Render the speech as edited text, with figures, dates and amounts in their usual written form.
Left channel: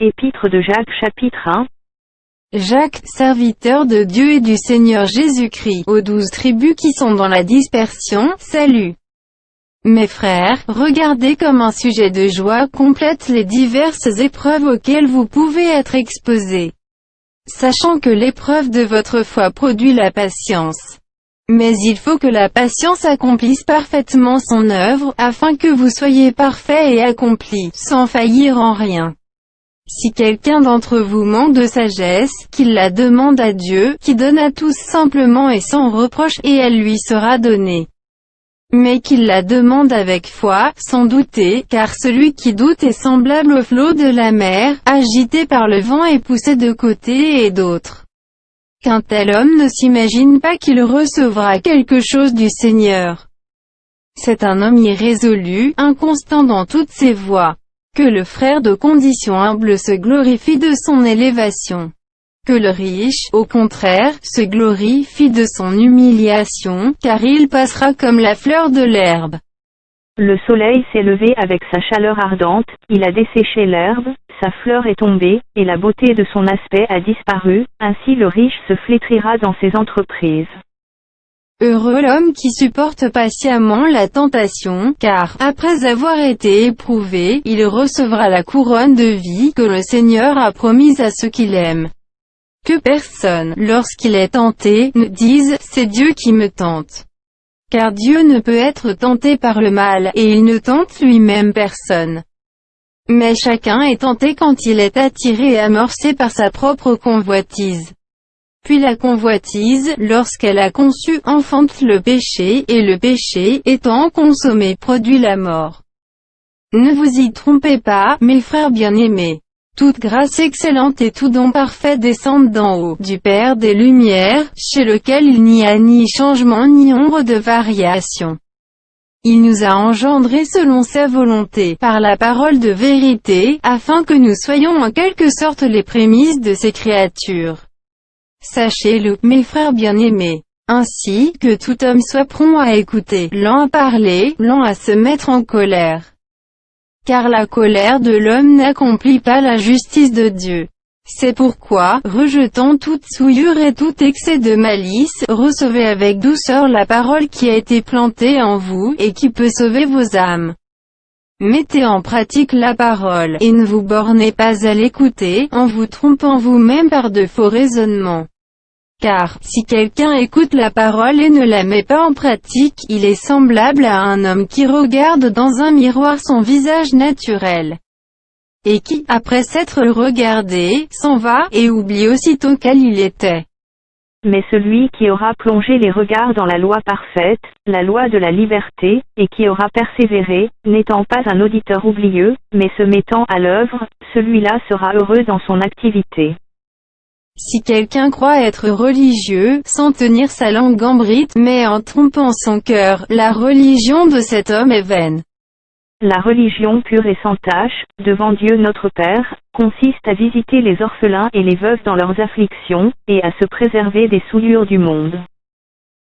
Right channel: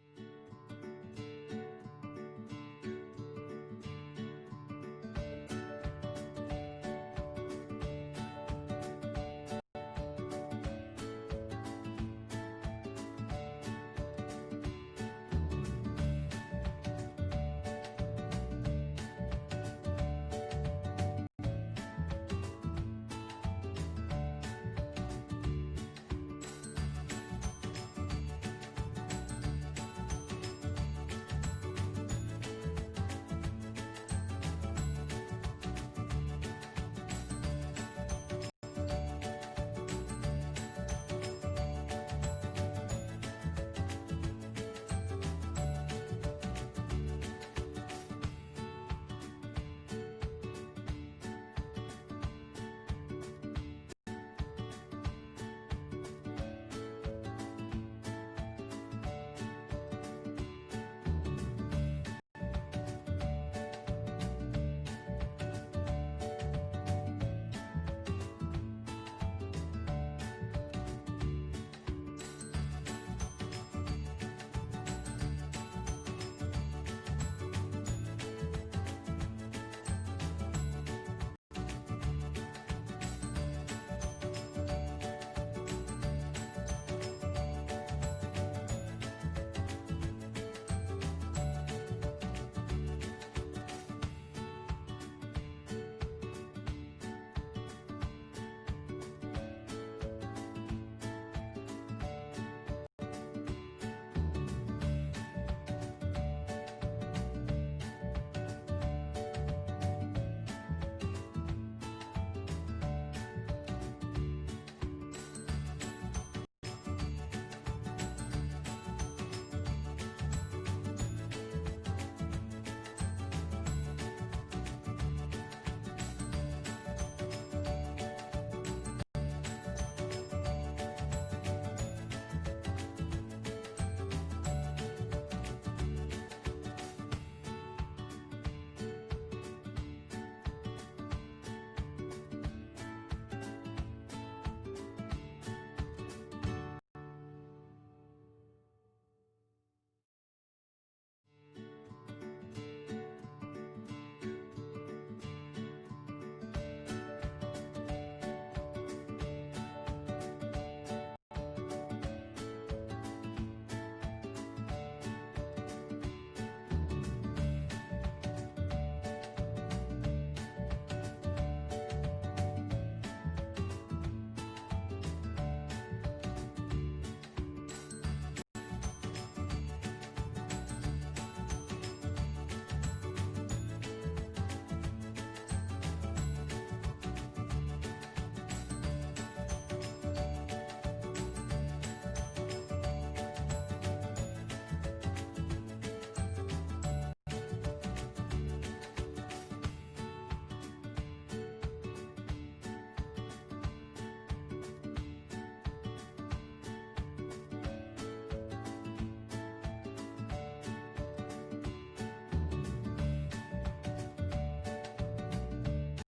Épître de Jacques chapitre 1. Jacques, serviteur de Dieu et du Seigneur Jésus-Christ, aux 12 tribus qui sont dans la dispersion, salut. Mes frères, regardez comme un sujet de joie complète les diverses épreuves auxquelles vous pouvez être exposés, sachant que l'épreuve de votre foi produit la patience. Mais il faut que la patience accomplisse parfaitement son œuvre, afin que vous soyez parfaits et accomplis, sans faillir en rien. Si quelqu'un d'entre vous manque de sagesse, qu'il la demande à Dieu, qui donne à tous simplement et sans reproche, et elle lui sera donnée. Mais qu'il la demande avec foi, sans douter, car celui qui doute est semblable au flot de la mer, agité par le vent et poussé de côté et d'autre. Qu'un tel homme ne s'imagine pas qu'il recevra quelque chose du Seigneur. C'est un homme irrésolu, inconstant dans toutes ses voies. Que le frère de condition humble se glorifie de son élévation. Que le riche, au contraire, se glorifie de son humiliation, car il passera comme la fleur de l'herbe. Le soleil s'est levé avec sa chaleur ardente, il a desséché l'herbe, sa fleur est tombée, et la beauté de son aspect a disparu, ainsi le riche se flétrira dans ses entreprises. Heureux l'homme qui supporte patiemment la tentation, car, après avoir été éprouvé, il recevra la couronne de vie que le Seigneur a promise à ceux qui l'aiment. Que personne, lorsqu'il est tenté, ne dise « c'est Dieu qui me tente ». Car Dieu ne peut être tenté par le mal, et il ne tente lui-même personne. Mais chacun est tenté quand il est attiré et amorcé par sa propre convoitise. Puis la convoitise, lorsqu'elle a conçu, enfante le péché, et le péché, étant consommé, produit la mort. Ne vous y trompez pas, mes frères bien-aimés. Toute grâce excellente et tout don parfait descendent d'en haut, du Père des Lumières, chez lequel il n'y a ni changement ni ombre de variation. Il nous a engendrés selon sa volonté, par la parole de vérité, afin que nous soyons en quelque sorte les prémices de ses créatures. Sachez-le, mes frères bien-aimés, ainsi, que tout homme soit prompt à écouter, lent à parler, lent à se mettre en colère. Car la colère de l'homme n'accomplit pas la justice de Dieu. C'est pourquoi, rejetant toute souillure et tout excès de malice, recevez avec douceur la parole qui a été plantée en vous, et qui peut sauver vos âmes. Mettez en pratique la parole, et ne vous bornez pas à l'écouter, en vous trompant vous-même par de faux raisonnements. Car, si quelqu'un écoute la parole et ne la met pas en pratique, il est semblable à un homme qui regarde dans un miroir son visage naturel, et qui, après s'être regardé, s'en va, et oublie aussitôt quel il était. Mais celui qui aura plongé les regards dans la loi parfaite, la loi de la liberté, et qui aura persévéré, n'étant pas un auditeur oublieux, mais se mettant à l'œuvre, celui-là sera heureux dans son activité. Si quelqu'un croit être religieux, sans tenir sa langue en bride, mais en trompant son cœur, la religion de cet homme est vaine. La religion pure et sans tache, devant Dieu notre Père, consiste à visiter les orphelins et les veuves dans leurs afflictions, et à se préserver des souillures du monde.